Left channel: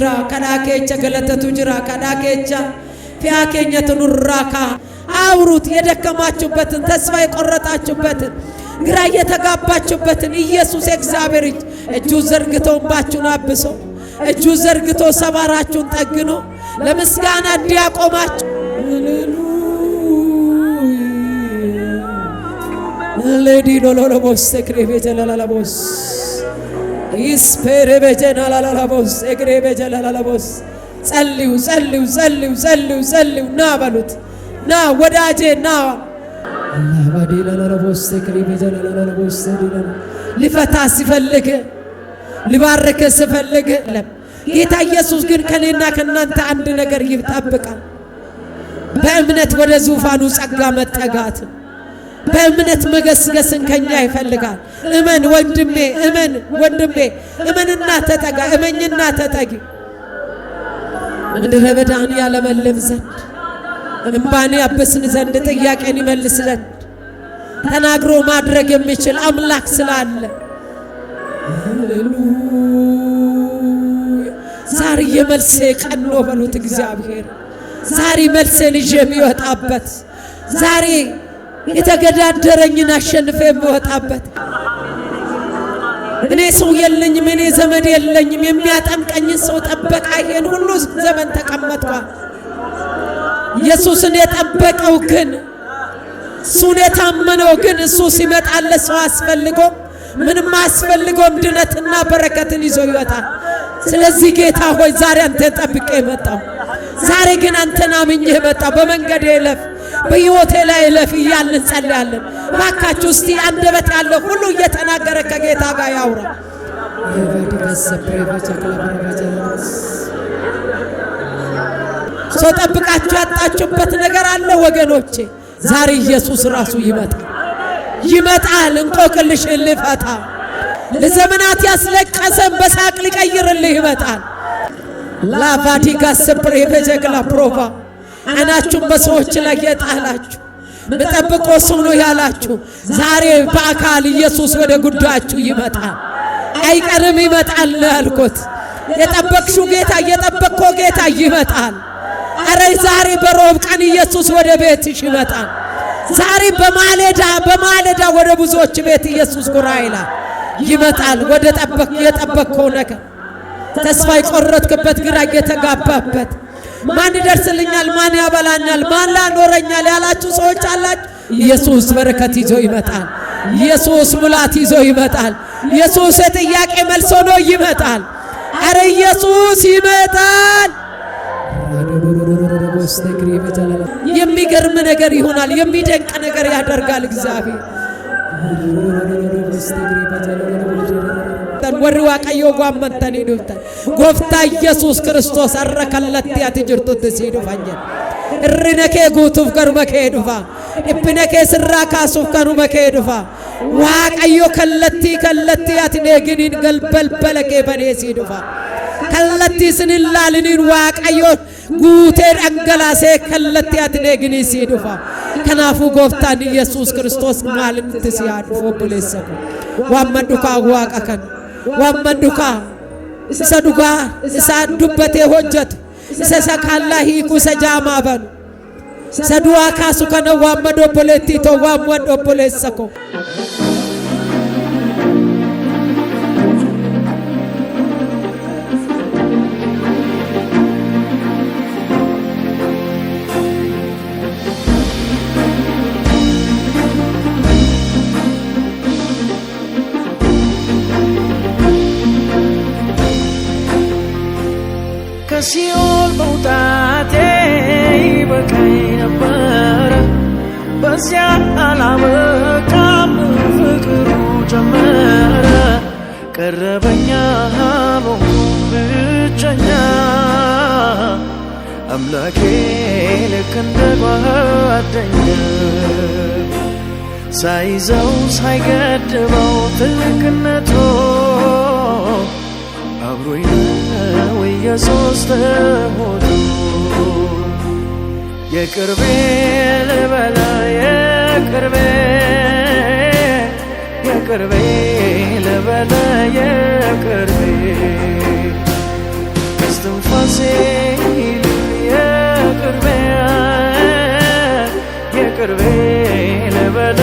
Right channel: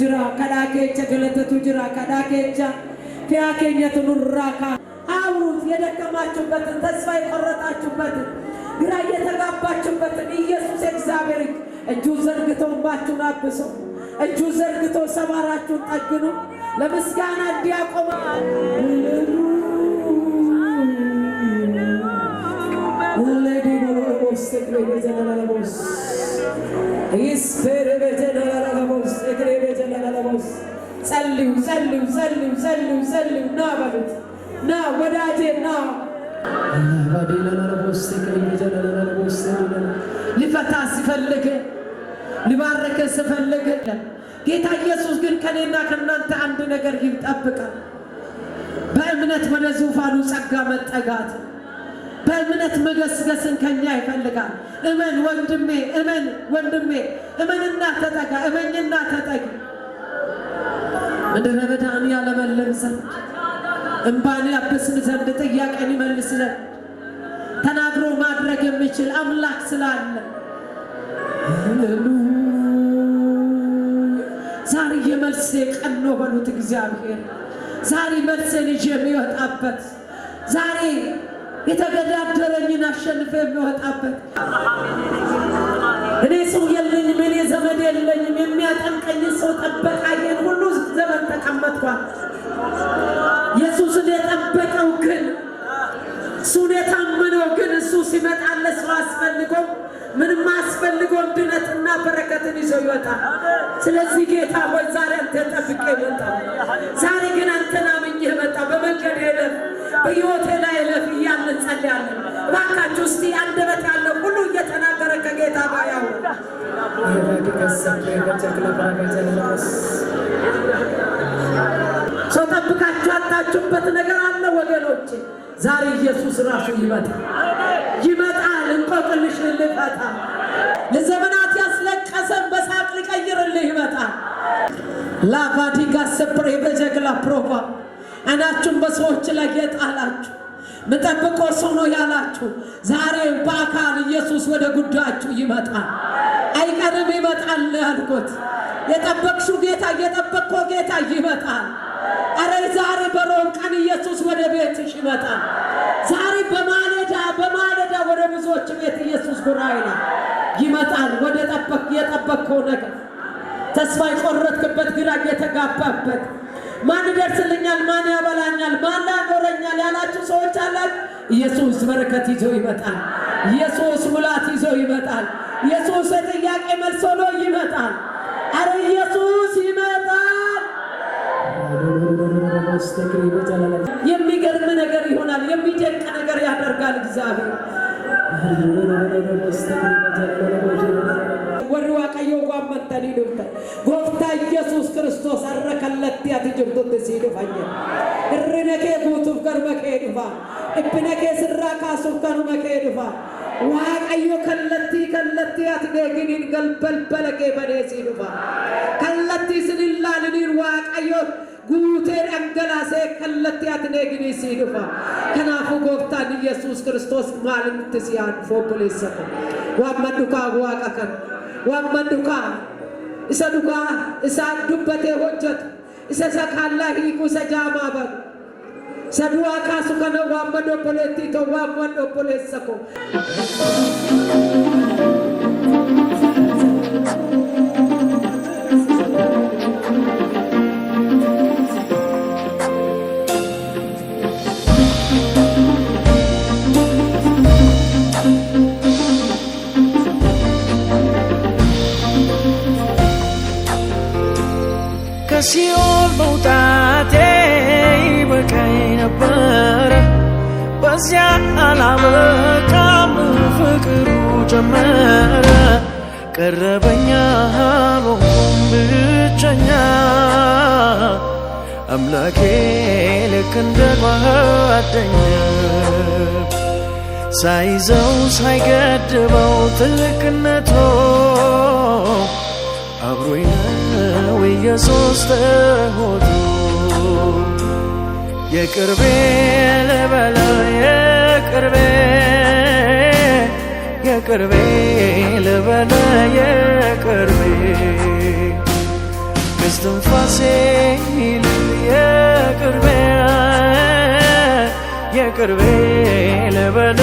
ጅራ ቀዳኬቻ ገለተቱ ጅራ ቀዳኬቻ ፊያኬኛ ተኑራካ አውሩት የደከማችሁበትን ተስፋ የቆረጣችሁበትን ግራ የተጋባችሁበትን ኢየሱስ እግዚአብሔር እጁ ዘርግቶባችሁን አብሶ እጁ ዘርግቶ ሰባራችሁን ጠግኖ ለምስጋና እንዲያቆማችሁ ለዲኖ ለቦስ ሰክሬ ጀላላቦስ ኢስፔሬ በጀላላቦስ ሰክሬ በጀላላቦስ ጸልዩ ጸልዩ ጸልዩ ጸልዩ ጸልዩ ና በሉት ና ወዳጄ ና ለባዲላላቦስ ሰክሬ በጀላላቦስ ሊፈታ ሲፈልግ ሊባርክ ሲፈልግ ጌታ ኢየሱስ ግን ከኔና ከናንተ አንድ ነገር ይጣበቃል። በእምነት ወደ ዙፋኑ ጸጋ መጠጋት በእምነት መገስገስን ከኛ ይፈልጋል። እመን ወንድሜ እመን ወንድሜ እመንና ተጠጋ እመኝና ተጠጊ ምድረ በዳን ያለመልም ዘንድ እንባን ያብስን ዘንድ ጥያቄን ይመልስ ዘንድ ተናግሮ ማድረግ የሚችል አምላክ ስላለ ዛሬ የመልሴ ቀን ነው በሉት እግዚአብሔር ዛሬ መልሴ ልጅ የሚወጣበት ዛሬ የተገዳደረኝን አሸንፌ የምወጣበት እኔ ሰው የለኝም እኔ ዘመድ የለኝም የሚያጠምቀኝ ሰው ጠበቃ ይሄን ሁሉ ዘመን ተቀመጧል። ኢየሱስን የጠበቀው ግን እሱን የታመነው ግን እሱ ሲመጣለት ሰው አስፈልጎ ምንም አስፈልጎ ድነትና በረከትን ይዞ ይወጣል። ስለዚህ ጌታ ሆይ ዛሬ አንተን ጠብቄ መጣሁ። ዛሬ ግን አንተን አምኜ መጣሁ። በመንገዴ እለፍ በሕይወቴ ላይ እለፍ እያልን እንጸልያለን። እባካችሁ እስቲ አንደበት ያለው ሁሉ እየተናገረ ከጌታ ጋር ያውራ። ሰው ጠብቃችሁ ያጣችሁበት ነገር አለ ወገኖቼ። ዛሬ ኢየሱስ ራሱ ይመጣል እንቆቅልሽን ሊፈታ ለዘመናት ያስለቀሰን በሳቅ ሊቀይርልህ ይመጣል። ላቫዲጋ ሰብሬ በጀግላ ፕሮቫ አይናችሁን በሰዎች ላይ የጣላችሁ መጠብቆ ሰው ያላችሁ ዛሬ በአካል ኢየሱስ ወደ ጉዳያችሁ ይመጣል። አይቀርም ይመጣል አልኩት። የጠበቅሽው ጌታ የጠበቅከው ጌታ ይመጣል። አረ ዛሬ በሮብ ቀን ኢየሱስ ወደ ቤትሽ ይመጣል። ዛሬ በማለዳ ወደ ብዙዎች ቤት ኢየሱስ ጎራ ይላል ይመጣል። ወደ የጠበቅከው ነገር ተስፋ የቆረጥክበት ግራ የተጋባበት ማን ይደርስልኛል ማን ያበላኛል ማን ላኖረኛል ያላችሁ ሰዎች አላችሁ። ኢየሱስ በረከት ይዞ ይመጣል። ኢየሱስ ሙላት ይዞ ይመጣል። ኢየሱስ የጥያቄ መልስ ሆኖ ይመጣል። አረ ኢየሱስ ይመጣል። የሚገርም ነገር ይሆናል። የሚደንቅ ነገር ያደርጋል እግዚአብሔር። ወርዋ ቀዮ ጓመንተን ይዱት ጎፍታ ኢየሱስ ክርስቶስ አረከለለት ያትጅርቱ ተሲዱፋኝ እርነከ ጉቱፍ ገርመከ ዱፋ እብነከ ስራካሱፍ ከኑመከ ዱፋ ዋቀዮ ከለቲ ያትነግኒ ገልበልበለከ በኔሲ ዱፋ ከለቲ ስንላልን ዋቀዮ ጉቴ አንገላሴ ከለቲ ያትነግኒ ሲዱፋ ከናፉ ጎፍታን ኢየሱስ ክርስቶስ ማልም ተሲያዱ ወደለሰ ዋመንዱካ ዋቀከን ዋመንዱካ ሰዱጋ ሳዱበቴ ሆጀት ሰሰካላ ሂኩ ሰጃማበን ሰዱዋ ካሱ ከነ ዋመዶ ፖለቲ ተዋመዶ ፖለሰኮ ከሲኦል መውጣቴ ይበቃኝ ነበረ። በዚያ አላበቃም ፍቅሩ ጀመረ። ቀረበኛ አልሆንኩም ብቸኛ አምላኬ ልክ እንደ ጓደኛ ሳይዘው ሳይገድበው ትልቅነቶ አብሮኝ ነው ኢየሱስ ተሆቶ የቅርቤ ልበለ የቅርቤ ልበለ የቅርቤ ከስትንፋሴ ይልቅ የቅርቤ ልበለ